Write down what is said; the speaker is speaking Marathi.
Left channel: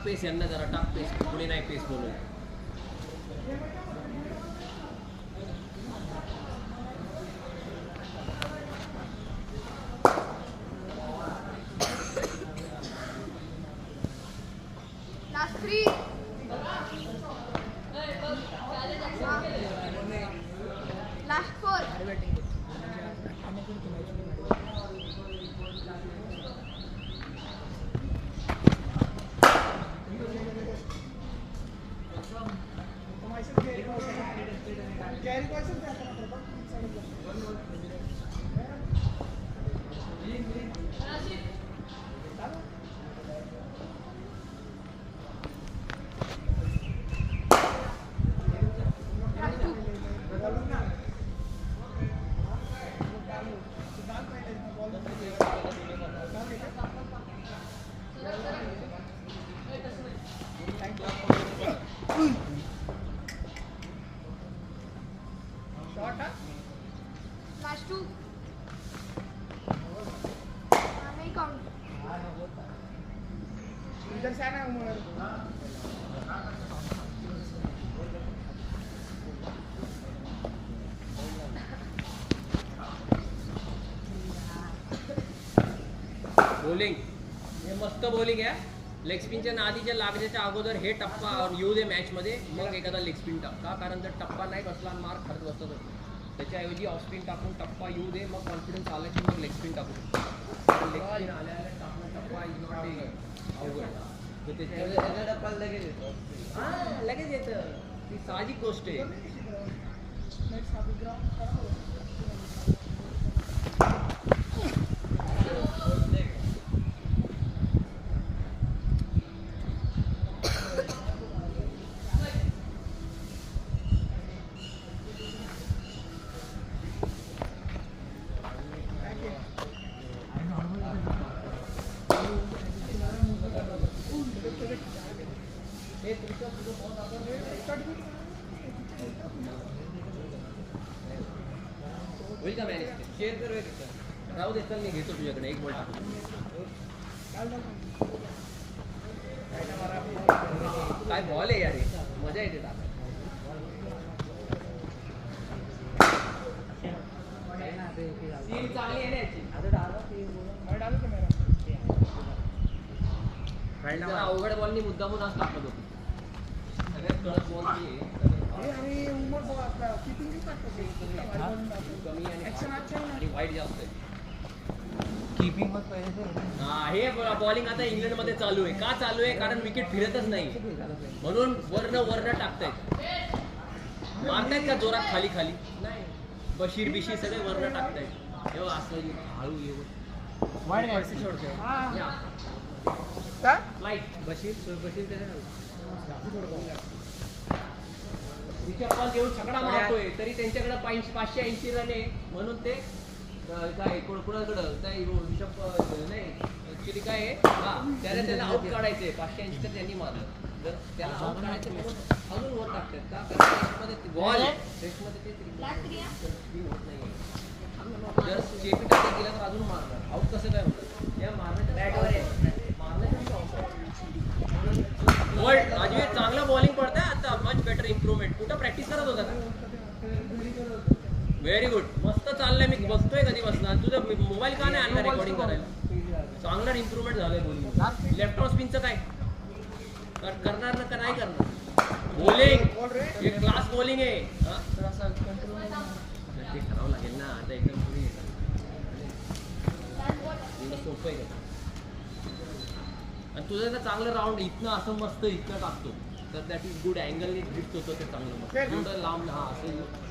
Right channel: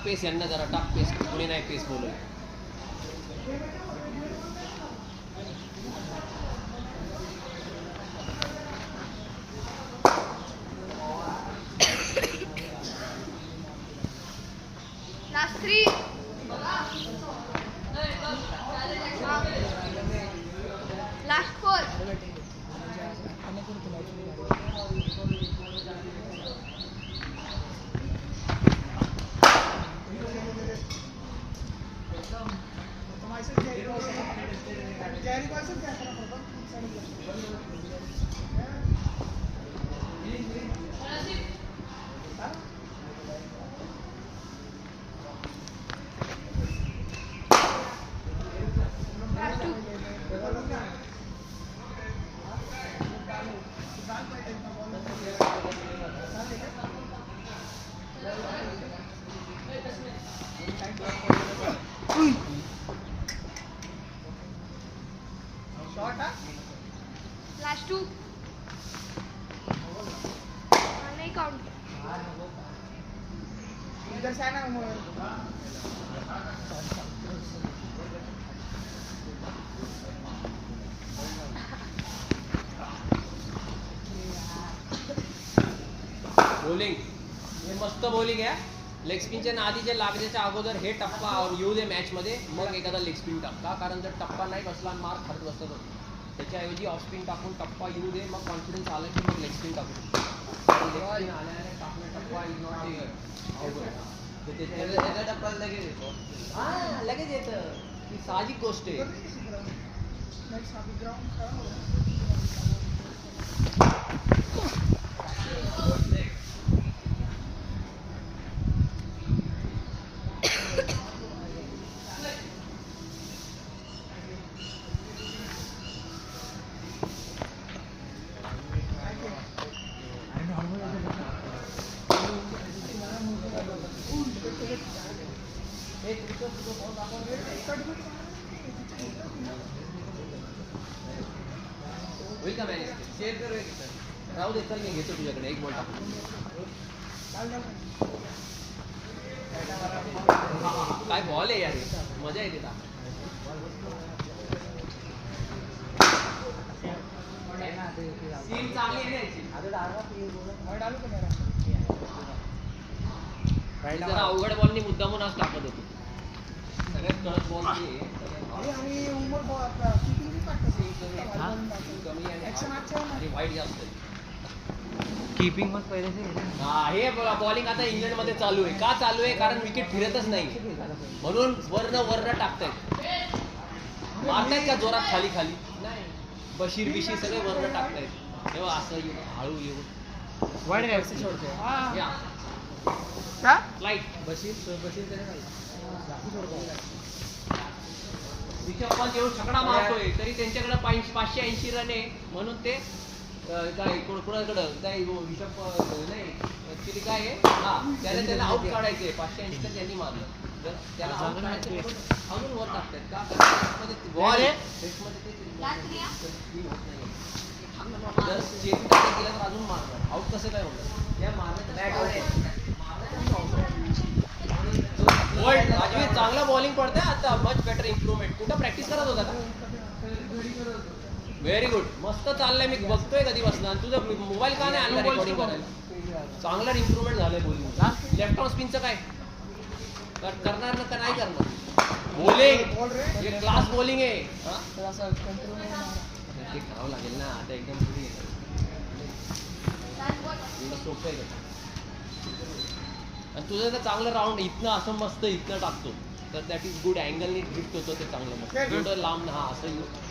टाक पेस यांना जरा टाक पेस पुढे नाही पेस बोलू बॉलिंग हे मस्त बॉलिंग आहे लेग स्पिनच्या आधीच्या लागण्याच्या अगोदर हे टप्पा येऊ दे मॅच मध्ये मग एखादा लेग स्पिन टाका कारण जर टप्पा नाही बसला मार खात बसत त्याच्याऐवजी ऑफ स्पिन टाकून टप्पा येऊ दे मग कॉन्फिडन्स आला की मग लेग स्पिन टाकू टप्पा लगेच येतो हा लगेच येतं ती साहजिक गोष्ट आहे होईल का मॅच शेअर करू राहू दे चल मी घेतो तुझ्याकडे एक बॉल टाकू काय बॉल आहे यार मजा येते जरा अवघड बॉलनी मुद्दामून आज टाकत होती सगळ्यात कडक बॉल वाईट जास्त कीपिंग मग पहिले से हे बॉलिंग आता इंग्लंड मध्ये चालू आहे का चालू आहे कारण विकेट फिरतच नाही म्हणून वर्ण टाकतायत मारतायत का जोरात खाली खाली नाही बशीर बिशीर सगळे वर्ण टाकतायत तेव्हा असं हळू येऊ लाईट बशीर रिषभ पंत येऊन सगळा मारतोय तरी त्यांच्याकडे 580 रन आहे म्हणून ते काय कोणाकडं काय रिषभ नाही ऍक्च्युली काय आहे त्याला आउट काढायचे 580 तर त्यांनी मारलं त्याला आउट काढायचं म्हणून अजून वर टाकतात बॉल आहे अजून मारतात आउट कसं काय होतं त्या मारण्यात चांगला बॉलिंग पडतंय आता मच बेटर इम्प्रुव्हमेंट कुठं प्रॅक्टिस करत होता का व्हेरी गुड मस्त चाललंय मी बघतोय कधी बसला तुझं मोबाईल का नाही आणला रेकॉर्डिंग करायला चांगला इम्प्रुव्हमेंट झालंय बॉलिंग लेफ्ट ऑफ स्पिनचं काय करणार ना का नाही करणार बॉलिंग क्लास बॉलिंग आहे ते करावं लागेल ना आता एकदम सोपं आहे आणि तुझं तर चांगलं राऊंड इथनं असं मस्त इथनं टाकतो तर दॅट इज गुड अँगलने हिट होतं ते चांगलं मस्त लांब हा असं